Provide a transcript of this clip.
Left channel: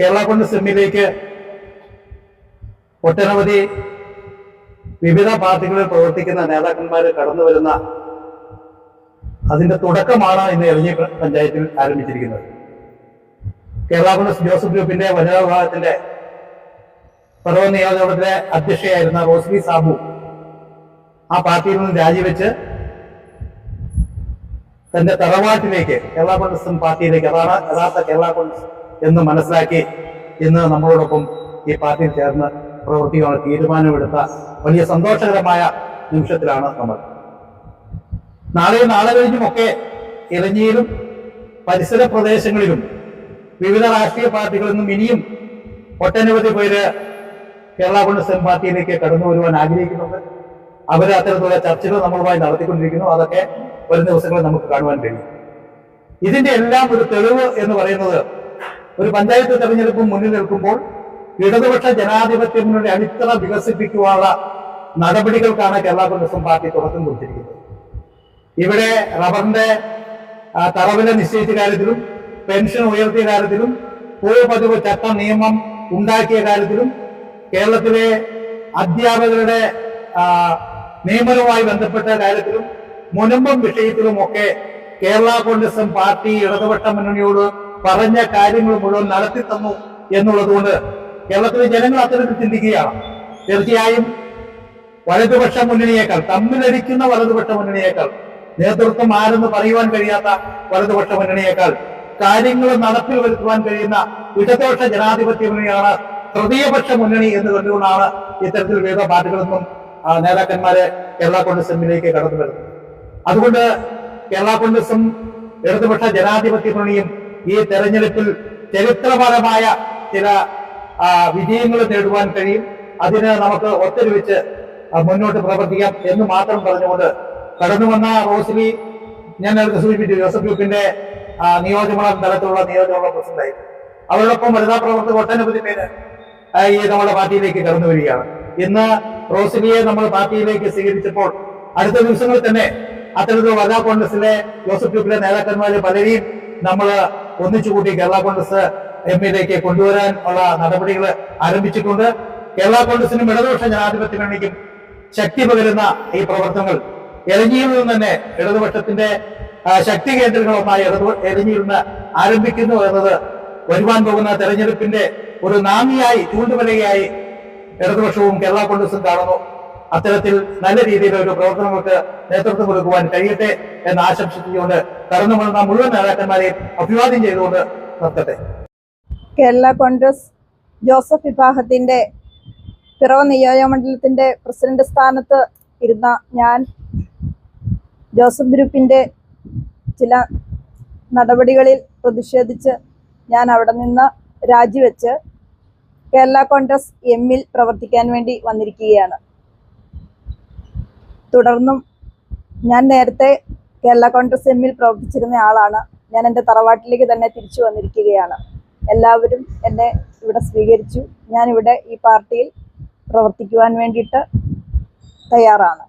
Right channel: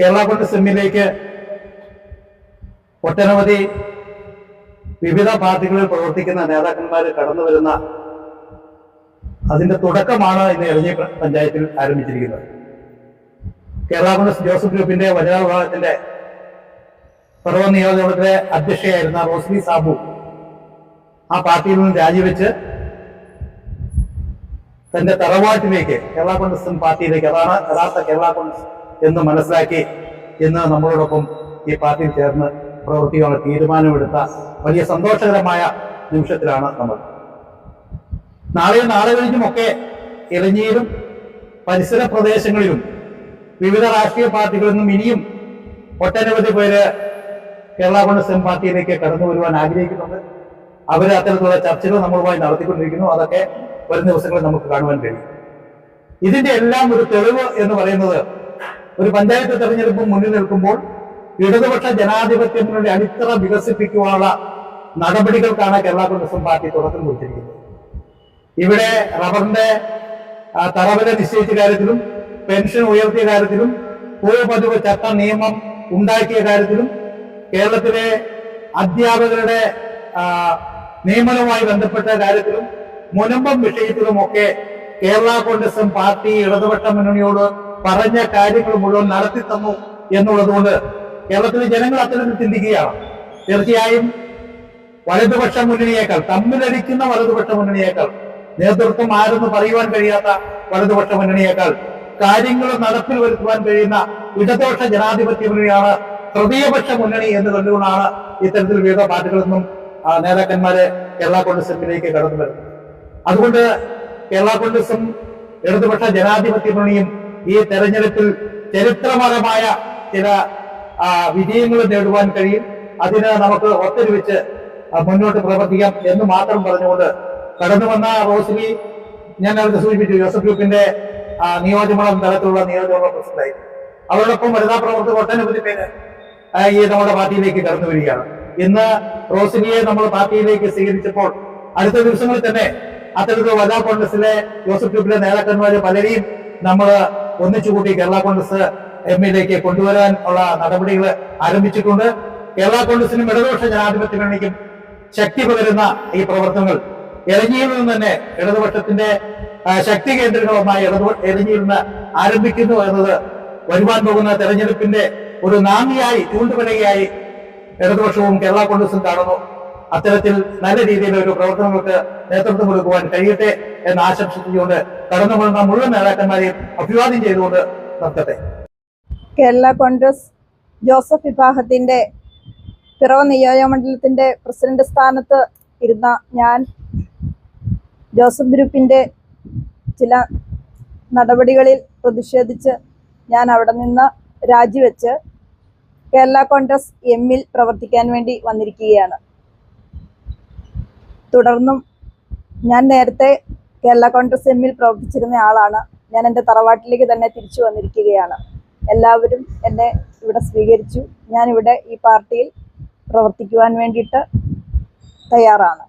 കേരള കോൺഗ്രസ് എമ്മിലേക്ക് ഒട്ടനവധി വിവിധ പാർട്ടികളിൽ പ്രവർത്തിക്കുന്ന നേതാക്കന്മാർ കടന്നു വരുന്ന അതിന്റെ തുടക്കമാണ് ഇന്ന് എളഞ്ഞി പഞ്ചായത്തിൽ ആരംഭിച്ചിരിക്കുന്നത്. കേരള കോൺഗ്രസ് ജോസഫ് ഗ്രൂപ്പിന്റെ വനിതാ വിഭാഗത്തിന്റെ പർവ നിയോജകമണ്ഡലത്തിലെ അധ്യക്ഷയായിരുന്ന റോസ്ലി സാബു ആ പാർട്ടിയിൽ നിന്ന് രാജിവെച്ച് തന്റെ തറവാട്ടിലേക്ക് കേരള കോൺഗ്രസ് പാർട്ടിയിലേക്ക് അതാണ് യഥാർത്ഥ കേരള കോൺഗ്രസ് എന്ന് മനസ്സിലാക്കി ഇന്ന് നമ്മളോടൊപ്പം ഈ പാർട്ടിയിൽ ചേർന്ന് പ്രവർത്തിക്കാനുള്ള തീരുമാനമെടുത്ത വലിയ സന്തോഷകരമായ നിമിഷത്തിലാണ് നമ്മൾ. നാളെയും നാളെ കഴിഞ്ഞുമൊക്കെ ഇളഞ്ഞിയിലും പരിസര പ്രദേശങ്ങളിലും വിവിധ രാഷ്ട്രീയ പാർട്ടികളിൽ നിന്നും ഇനിയും ഒട്ടനവധി പേര് കേരള കോൺഗ്രസ് എം പാർട്ടിയിലേക്ക് കടന്നു വരുവാൻ ആഗ്രഹിക്കുന്നുണ്ട്. അവർ അത്തരത്തിലുള്ള ചർച്ചകൾ നമ്മളുമായി നടത്തിക്കൊണ്ടിരിക്കുന്നു. അതൊക്കെ വരും ദിവസങ്ങളിൽ നമുക്ക് കാണുവാൻ കഴിയും. ഇതിന്റെ എല്ലാം ഒരു തെളിവ് എന്ന് പറയുന്നത് ഒരു പഞ്ചായത്ത് തെരഞ്ഞെടുപ്പ് മുന്നിൽ നിൽക്കുമ്പോൾ ഇടതുപക്ഷ ജനാധിപത്യ അടിത്തറ വികസിപ്പിക്കുവാനുള്ള നടപടികൾക്കാണ് കേരള കോൺഗ്രസ് പാർട്ടി തുടക്കം കുറിച്ചിരിക്കുന്നത്. ഇവിടെ റബ്ബറിന്റെ തറവില നിശ്ചയിച്ച കാര്യത്തിലും പെൻഷൻ ഉയർത്തിയ കാര്യത്തിലും ഭൂപതിവ് ചട്ട നിയമം ഉണ്ടാക്കിയ കാര്യത്തിലും കേരളത്തിലെ അധ്യാപകരുടെ നിയമനവുമായി ബന്ധപ്പെട്ട കാര്യത്തിലും മുനമ്പം വിഷയത്തിലുമൊക്കെ കേരള കോൺഗ്രസ് പാർട്ടി ഇടതുപക്ഷ മുന്നണിയോട് പറഞ്ഞ കാര്യങ്ങൾ മുഴുവൻ നടത്തി തന്നു എന്നുള്ളത് കൊണ്ട് കേരളത്തിലെ ജനങ്ങൾ അത്തരത്തിൽ ചിന്തിക്കുകയാണ്. തീർച്ചയായും വലതുപക്ഷ മുന്നണിയേക്കാൾ തമ്മിലടിക്കുന്ന വലതുപക്ഷ മുന്നണിയേക്കാൾ നേതൃത്വം ആരെന്ന് പറയുവാൻ കഴിയാത്ത വലതുപക്ഷ മുന്നണിയേക്കാൾ കാര്യങ്ങൾ നടപ്പിൽ വരുത്തുവാൻ കഴിയുന്ന ഇടതുപക്ഷ ജനാധിപത്യ മുന്നണിയാണ് തൃതീയപക്ഷ മുന്നണി എന്ന് കണ്ടുകൊണ്ടാണ് ഇത്തരത്തിൽ വിവിധ പാർട്ടികളിൽ നിന്നും നേതാക്കന്മാരെ കേരള കോൺഗ്രസ് എമ്മിലേക്ക് കടന്നു വരുന്നത്. അതുകൊണ്ട് കേരള കോൺഗ്രസും ഇടതുപക്ഷ ജനാധിപത്യ മുന്നണിയും ഈ തെരഞ്ഞെടുപ്പിൽ ചരിത്രപരമായ ചില വിജയങ്ങൾ നേടുവാൻ കഴിയും. അതിന് നമുക്ക് ഒത്തൊരുമിച്ച് മുന്നോട്ട് പ്രവർത്തിക്കാം എന്ന് മാത്രം പറഞ്ഞുകൊണ്ട് കടന്നു വന്ന റോസ്ലി ഞാൻ നേരത്തെ സൂചിപ്പിച്ചു ജോസഫ് ഗ്രൂപ്പിന്റെ നിയോജകമണ്ഡലം തലത്തിലുള്ള നിയോജകമണ്ഡലം പ്രസിഡന്റായി. അവരോടൊപ്പം വനിതാ പ്രവർത്തകർ ഒട്ടനവധി പേര് ഈ നമ്മുടെ പാർട്ടിയിലേക്ക് കടന്നു വരികയാണ്. ഇന്ന് റോസ്ലിയെ നമ്മൾ പാർട്ടിയിലേക്ക് സ്വീകരിച്ചപ്പോൾ അടുത്ത ദിവസങ്ങളിൽ തന്നെ അത്തരത്തിലുള്ള വനിതാ കോൺഗ്രസിലെ ജോസഫ് ഗ്രൂപ്പിലെ നേതാക്കന്മാരെ പലരെയും നമ്മൾ ഒന്നിച്ചുകൂട്ടി കേരള കോൺഗ്രസ് എമ്മിലേക്ക് കൊണ്ടുവരാൻ ഉള്ള നടപടികൾ ആരംഭിച്ചിട്ടുണ്ട്. കേരള കോൺഗ്രസിനും ഇടതുപക്ഷ ജനാധിപത്യ മുന്നണിക്കും ശക്തി പകരുന്ന ഈ പ്രവർത്തനങ്ങൾ എലഞ്ഞിയിൽ നിന്ന് തന്നെ ഇടതുപക്ഷത്തിന്റെ ശക്തി കേന്ദ്രങ്ങളൊന്നായി ഇടതു എലഞ്ഞിയിൽ നിന്ന് ആരംഭിക്കുന്നു എന്നത് വരുവാൻ പോകുന്ന തെരഞ്ഞെടുപ്പിന്റെ ഒരു നാന്ദിയായി ചൂണ്ടുപലകയായി ഇടതുപക്ഷവും കേരള കോൺഗ്രസും കാണുന്നു. അത്തരത്തിൽ നല്ല രീതിയിൽ ഒരു പ്രവർത്തനങ്ങൾക്ക് നേതൃത്വം കൊടുക്കുവാൻ കഴിയട്ടെ എന്ന് ആശംസിച്ചുകൊണ്ട് കടന്നു വരുന്ന മുഴുവൻ നേതാക്കന്മാരെയും അഭിവാദ്യം ചെയ്തുകൊണ്ട് നിർത്തട്ടെ. കേരള കോൺഗ്രസ് ജോസഫ് വിഭാഗത്തിന്റെ പിറവ നിയോജകമണ്ഡലത്തിന്റെ പ്രസിഡന്റ് സ്ഥാനത്ത് ഇരുന്ന ഞാൻ ജോസഫ് ഗ്രൂപ്പിന്റെ ചില നടപടികളിൽ പ്രതിഷേധിച്ച് ഞാൻ അവിടെ നിന്ന് രാജിവെച്ച് കേരള കോൺഗ്രസ് എമ്മിൽ പ്രവർത്തിക്കാൻ വേണ്ടി വന്നിരിക്കുകയാണ്. തുടർന്നും ഞാൻ നേരത്തെ കേരള കോൺഗ്രസ് എമ്മിൽ പ്രവർത്തിച്ചിരുന്ന ആളാണ്. ഞാൻ എന്റെ തറവാട്ടിലേക്ക് തന്നെ തിരിച്ചു വന്നിരിക്കുകയാണ്. എല്ലാവരും എന്നെ ഇവിടെ സ്വീകരിച്ചു. ഞാനിവിടെ ഈ പാർട്ടിയിൽ പ്രവർത്തിക്കുവാൻ വേണ്ടിയിട്ട് തയ്യാറാണ്.